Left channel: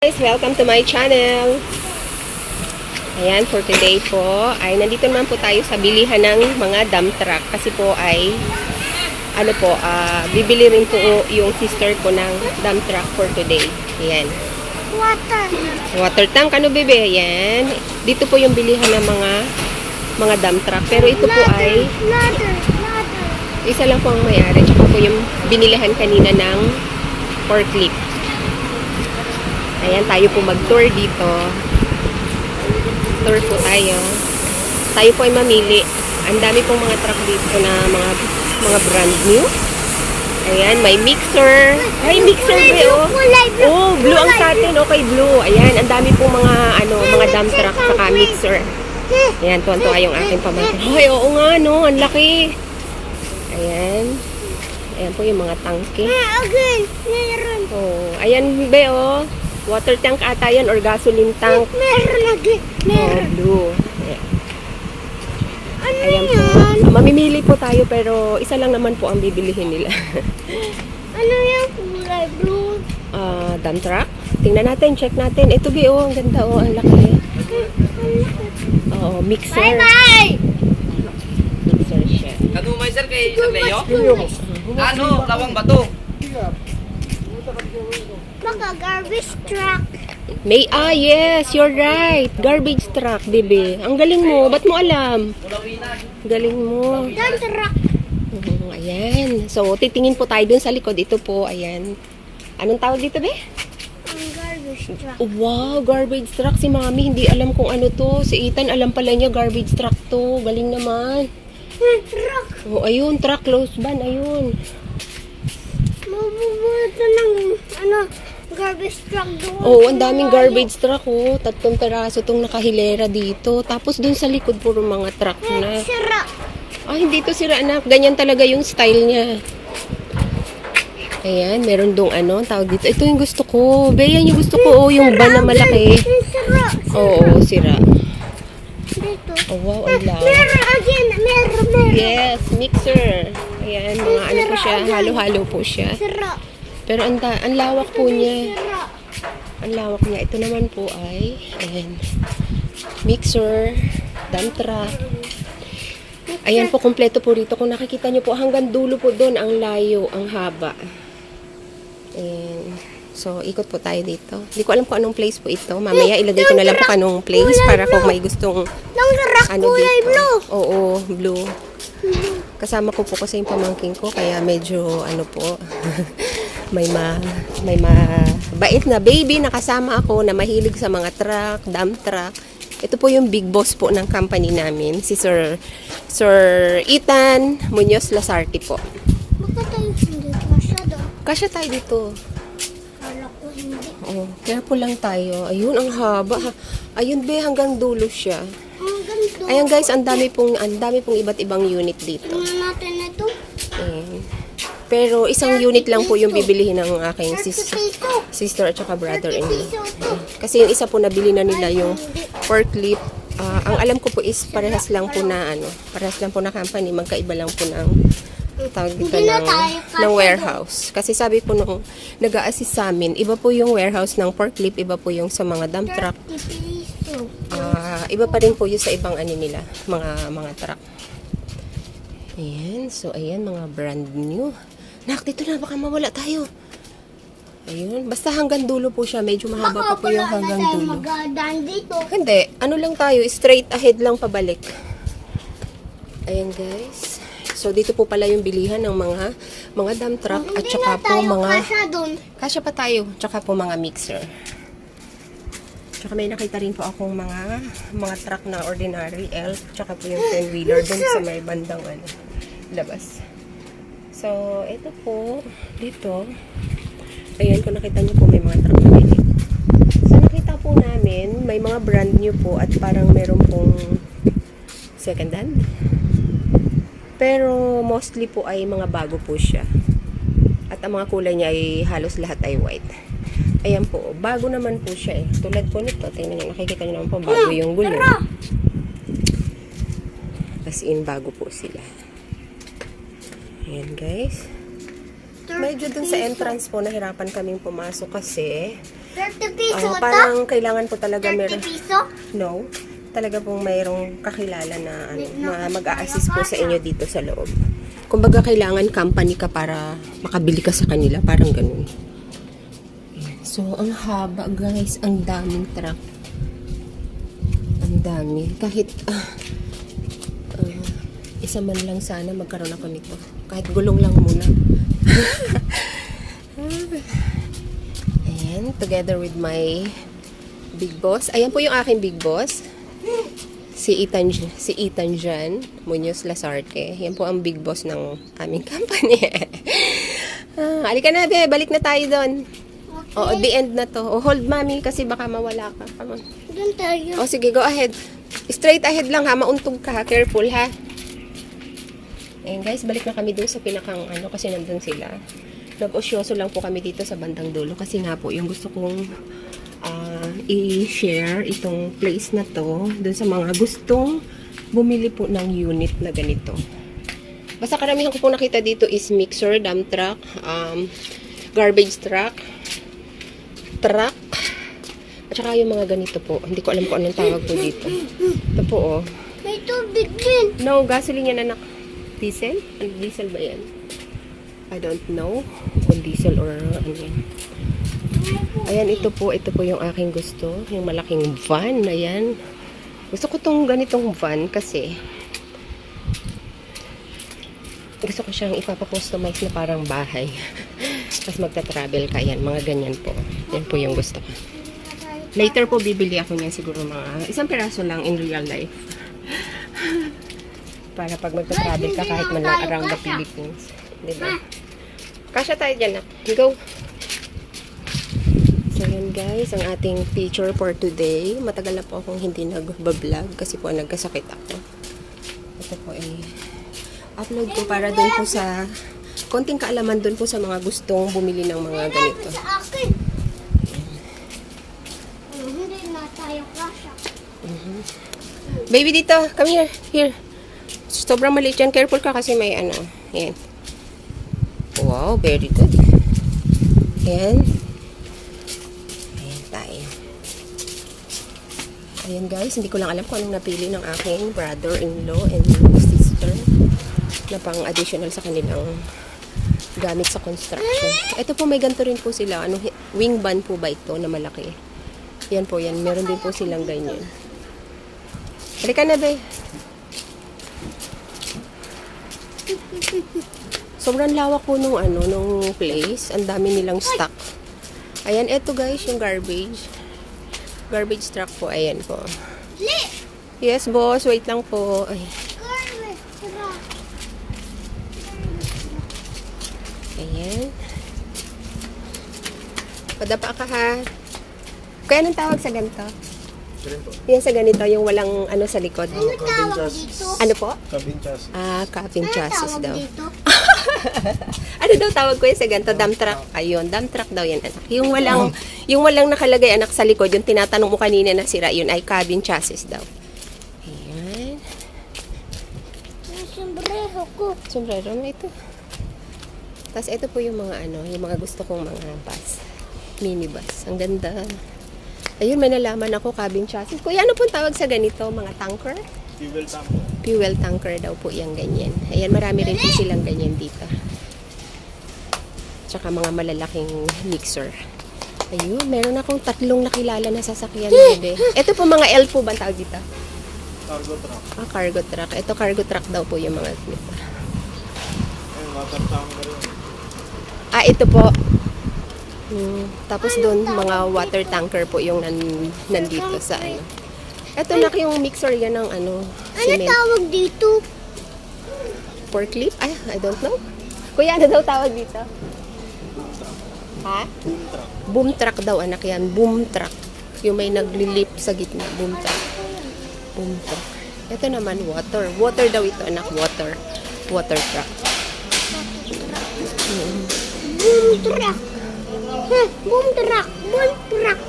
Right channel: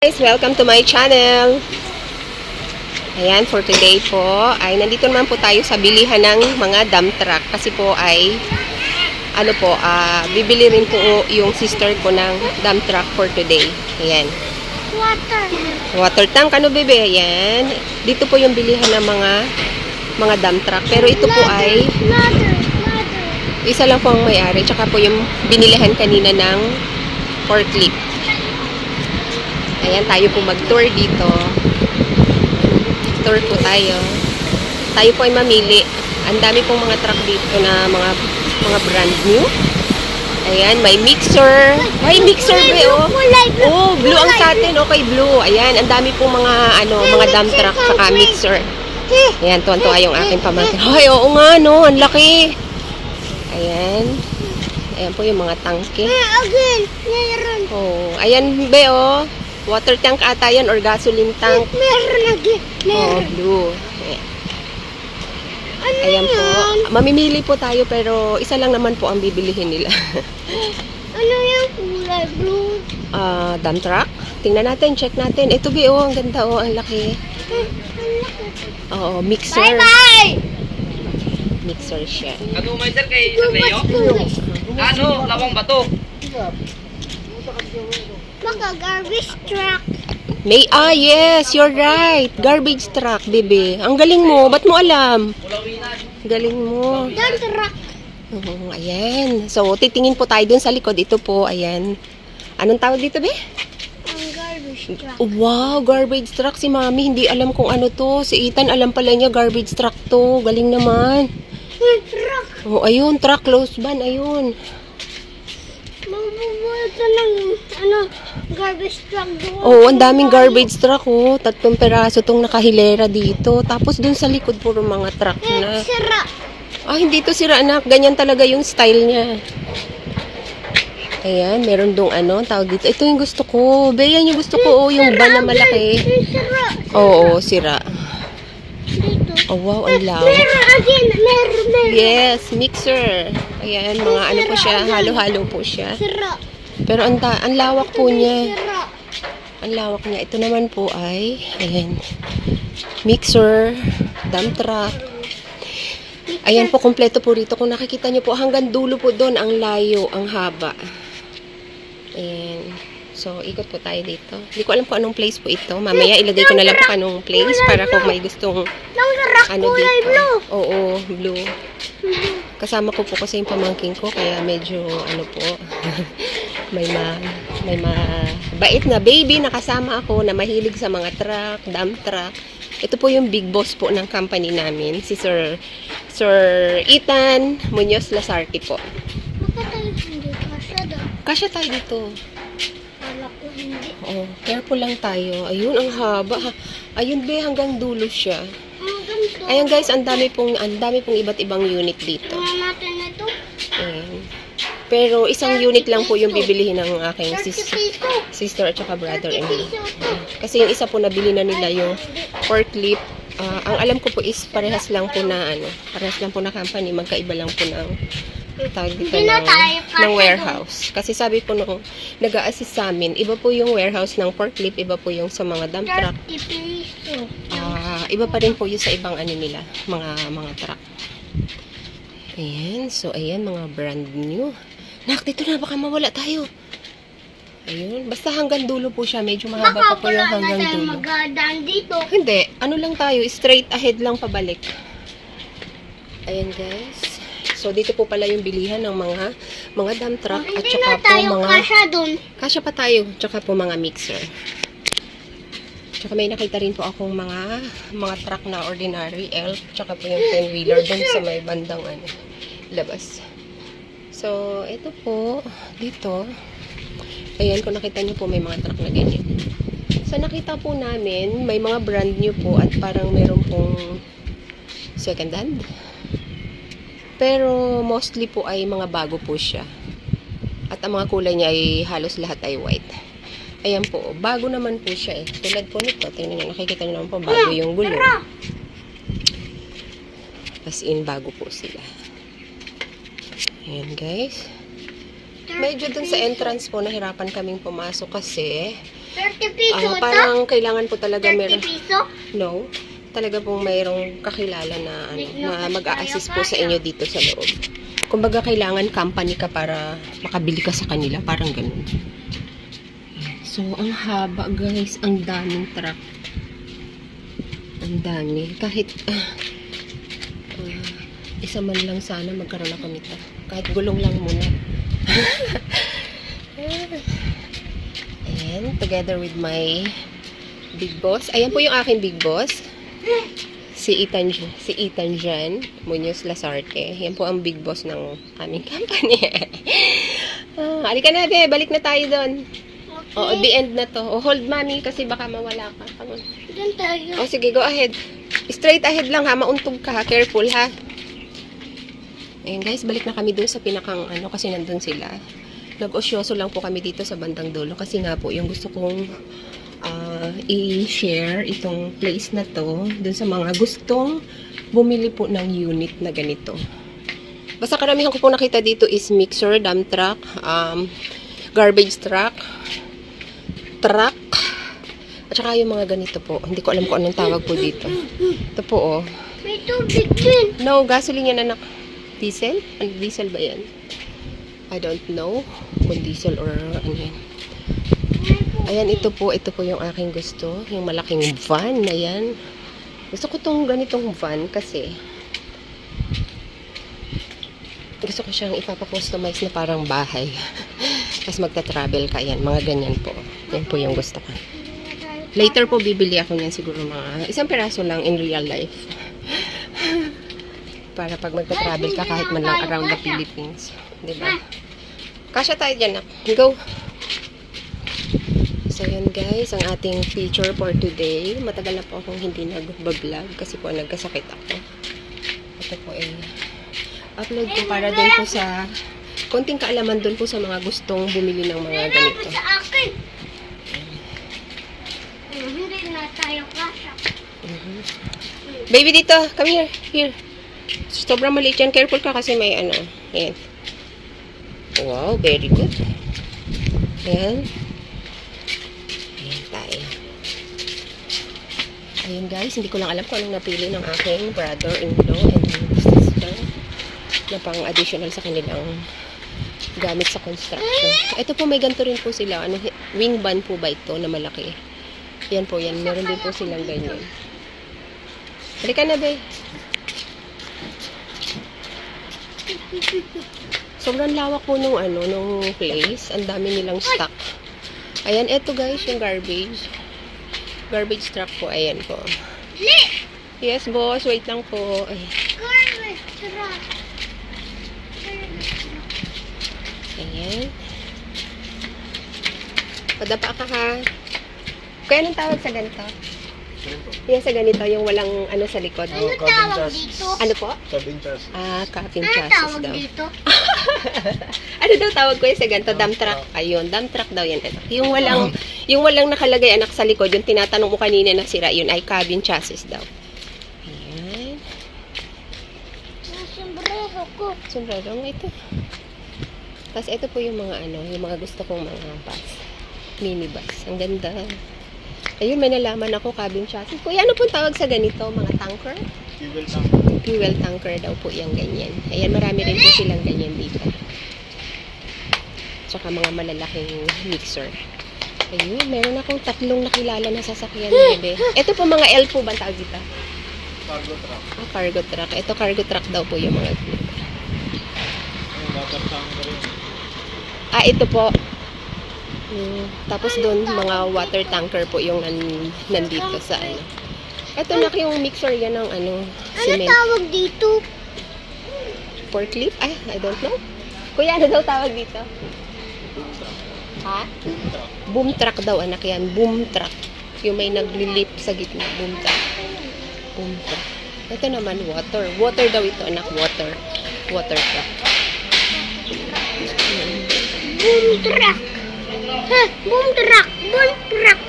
Guys, welcome to my channel. Ayan, for today po ay nandito naman po tayo sa bilihan ng mga dump truck kasi po ay bibili rin po yung sister ko ng dump truck for today. Ayan. Water tank, ano bebe? Ayan. Dito po yung bilihan ng mga dump truck. Pero ito po ay isa lang po ang may-ari. Tsaka po yung binilihan kanina ng forklift. Ayan, tayo po mag-tour dito. Tour po tayo. Tayo po ay mamili. Ang dami pong mga truck dito na mga brand new. Ayan, may mixer. May mixer ba, oh. Oh, blue ang sa atin. Okay, blue. Ayan, ang dami pong mga dump truck saka mixer. Ayan, tuwan-tuwa yung aking pamangkin. Ay, oo nga, no. Ang laki. Ayan. Ayan po yung mga tangke. Oh, ayan, be, oh. Water tank ata yan or gasoline tank. Oh, blue. Ayan po. Mamimili po tayo pero isa lang naman po ang bibilihin nila. Ano yung kulay blue? Dump truck. Tingnan natin, check natin. Ito be, oh, ang ganda, oh, ang laki. Oh, mixer. Bye-bye! Mixer siya. Ano may sir kay Sir Leo? Ano? Lawang bato? Baka garbage truck. Yes, you're right. Garbage truck, bebe. Ang galing mo. Ba't mo alam? Galing mo. Dump truck. Ayan. So, titingin po tayo dun sa likod. Ito po, ayan. Anong tawag dito, be? Ang garbage truck. Wow, garbage truck. Si Mami, hindi alam kung ano to. Si Ethan, alam pala niya, garbage truck to. Galing naman. Truck. Oh, ayun, truck close ban. Ayun. Mabubuhay ka ng garbage truck doon. Oh, ang daming garbage truck, oh. 3 peraso tong nakahilera dito. Tapos dun sa likod, puro mga truck na. Sira. Hindi to sira, anak. Ganyan talaga yung style niya. Ayan, meron dong tawag dito. Ito yung gusto ko. Be, yan yung gusto ko, oh. Yung van na malaki. Sira. Oo, sira. Dito. Oh, wow, ang law. Meron again. Meron. Yes, mixer. Ayan, mga po siya. Halo-halo po siya. Sira. Pero ang lawak po niya. Sira. Ang lawak niya. Ito naman po ay, ayan, mixer, dump truck. Ayan po, kompleto po rito. Kung nakikita nyo po, hanggang dulo po doon, ang layo, ang haba. Ayan. So, ikot po tayo dito. Hindi ko alam kung anong place po ito. Mamaya, ilagay ko na lang po anong place para kung may gustong dito. Oo, blue. Kasama ko po kasi yung pamangking ko, kaya medyo, may bait na baby na kasama ako na mahilig sa mga truck, dump truck. Ito po yung big boss po ng company namin, si Sir Ethan Muñoz Lasarte po. Bakit tayo hindi kasya doon? Kasya tayo dito. Wala ko hindi. Oh, careful lang tayo. Ayun, ang haba. Ayun, be, hanggang dulo siya. Hanggang doon. Ayan guys, ang dami pong iba't ibang unit dito. Tingnan natin ito. Ayan. Pero isang unit lang po yung bibilihin ng aking sister at saka brother-in-law. Kasi yung isa po nabili na nila yung forklift. Ang alam ko po is parehas lang po na company, magkaiba lang po ng tawag dito ng warehouse. Kasi sabi po nung nag-a-assist sa amin, iba po yung warehouse ng forklift, iba po yung sa mga dump truck. Iba pa rin po yung sa ibang nila, mga truck. Ayan, so ayan, mga brand new. Nak, dito na, baka mawala tayo. Ayun, basta hanggang dulo po siya. Medyo mahaba pa po yung hanggang dulo. Dito. Hindi, lang tayo, straight ahead lang pabalik. Ayan guys. So dito po pala yung bilihan ng mga dump truck at saka po kasya pa tayo, tsaka po mga mixer. Tsaka may nakita rin po akong mga truck na ordinary elf, tsaka po yung 10-wheeler dun sa may bandang labas. So, ito po, dito, ayan, kung nakita nyo po, may mga truck na ganyan. So, nakita po namin, may mga brand new po at parang meron pong second hand. Pero, mostly po ay mga bago po siya. At ang mga kulay niya ay halos lahat ay white. Ayan po, bago naman po siya eh. Tulad po nito, tingnan nyo, nakikita nyo naman po, bago yung gulong. As in, bago po sila. Ayan guys. Medyo dun sa entrance po, nahirapan kaming pumasok kasi 30 piso ito? Parang kailangan po talaga 30 meron. piso? No. Talaga pong mayroong kakilala na, na mag-a-assist po sa inyo dito sa loob. Kumbaga, kailangan company ka para makabili ka sa kanila. Parang ganun. So, ang haba, guys. Ang daming truck. Ang dami. Kahit isa man lang sana magkaroon ako nito. Kahit gulong lang muna. And together with my big boss. Ayan po yung aking big boss. Si Ethan Jan Muñoz Lasarte. Yan po ang big boss ng aming company. Halika na, be. Balik na tayo doon. Okay. Oo, the end na to. Hold, mami, kasi baka mawala ka. Come on. Doon tayo. Sige, go ahead. Straight ahead lang, ha. Mauntog ka, ha. Careful, ha. Ayan, guys. Balik na kami doon sa pinakang, kasi nandun sila. Nag-osyoso lang po kami dito sa bandang dulo. Kasi nga po, yung gusto kong i-share itong place na to dun sa mga gustong bumili po ng unit na ganito. Basta karamihan ko po nakita dito is mixer, dump truck, garbage truck, at saka yung mga ganito po. Hindi ko alam kung anong tawag po dito. Ito po, oh. May tubig din. No, gasoline yan, anak. Diesel? Diesel ba yan? I don't know kung diesel or ano yan. Ayan, ito po yung aking gusto. Yung malaking van na yan. Gusto ko tong ganitong van kasi gusto ko siyang ipapakustomize na parang bahay. Tapos magta-travel ka. Yan, mga ganyan po. Yan po yung gusto ko. Later po, bibili ako niyan siguro mga isang peraso lang in real life. Para pag magta-travel ka kahit man lang around the Philippines. Diba? Kasya tayo dyan, nak. Go! So, yun guys, ang ating feature for today. Matagal na po akong hindi nag-vlog kasi po nagkasakit ako. Ito po ay upload ko para dun po sa konting kaalaman dun po sa mga gustong bumili ng mga ganito. Sa akin. Hindi na tayo kasya. Baby, dito. Come here. Here. Sobrang maliit yan. Careful ka kasi may ano. Ayan. Wow, very good. Ayan. Ayan guys, hindi ko lang alam kung anong napili ng aking brother-in-law and sister na pang additional sa kanilang gamit sa construction. Ito po, may ganito rin po sila. Wing van po ba ito na malaki? Yan po yan. Meron din po silang ganyan. Halika na, be. Sobrang lawak po nung place. Ang dami nilang stock. Ayan, ito guys, yung garbage. Garbage truck po. Ayan po. Yes, boss. Wait lang po. Ay. Garbage truck. Ayan. Padapa ka, ha. Kaya anong tawag sa ganito? Yan sa ganito, yung walang sa likod. Ano tawag dito? Ano po? Cabin chassis. Cabin Ano chassis tawag daw. dito? Ano daw tawag ko yung sa ganito? Dump truck. Ayun, dump truck daw yan, anak. Yung walang nakalagay, anak, sa likod, yung tinatanong mo kanina na sira, yun ay cabin chassis daw. Ayan. Yung sombrero ko. Sombrero mo ito. Tapos ito po yung mga yung mga gusto kong mga bus. Minibus. Ang ganda. Ayun, may nalaman ako, cabin chassis. Kuya, ano pong tawag sa ganito? Mga tanker? Fuel tanker. Fuel tanker daw po yung ganyan. Ayan, marami rin po silang ganyan dito. Tsaka mga malalaking mixer. Ayun, meron akong 3 nakilala na sasakyan, bebe. Ito po mga L po ba tawag dito? Cargo truck. Cargo truck. Ito, cargo truck daw po yung mga dito. Ay, water tanker yun. Ito po. Tapos doon, mga water tanker po yung nandito sa Ito na yung mixer yan ng Ano cement. tawag dito? Forklift? I don't know. Kuya, ano daw tawag dito? Ha? Boom truck daw, anak yan. Boom truck. Yung may naglilip sa gitna. Boom truck. Boom truck. Ito naman, water. Water daw ito, anak. Water. Water truck. Boom truck. Ha, boom truck. Boom truck.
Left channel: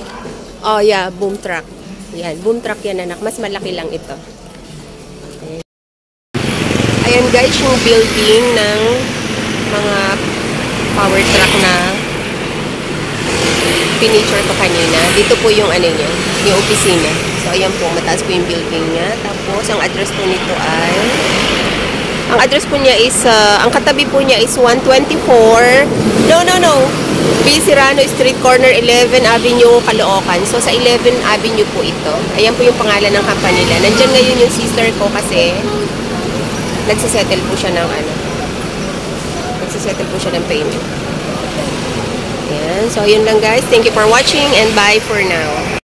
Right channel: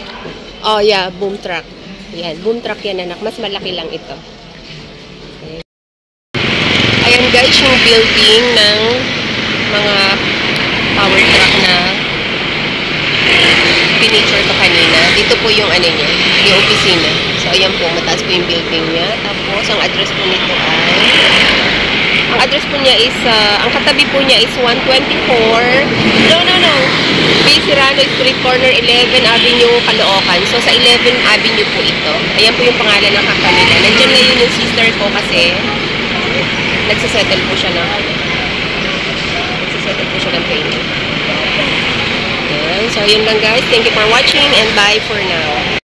Oh, yeah. Boom truck. Yan. Boom truck yan, anak. Mas malaki lang ito. Ayan, guys, yung building ng mga power truck na pinicture ko kanina. Dito po yung ano niya, yung opisina. So, ayan po, mataas po yung building niya. Tapos, ang address po nito ay... Ang address po niya is, ang katabi po niya is 124. No. B. Serrano Street, corner 11 Avenue, Caloocan. So, sa 11 Avenue po ito. Ayan po yung pangalan ng company nila. Nandyan ngayon yung sister ko kasi nagsisettle po siya ng payment. Ayan. So, yun lang guys. Thank you for watching and bye for now.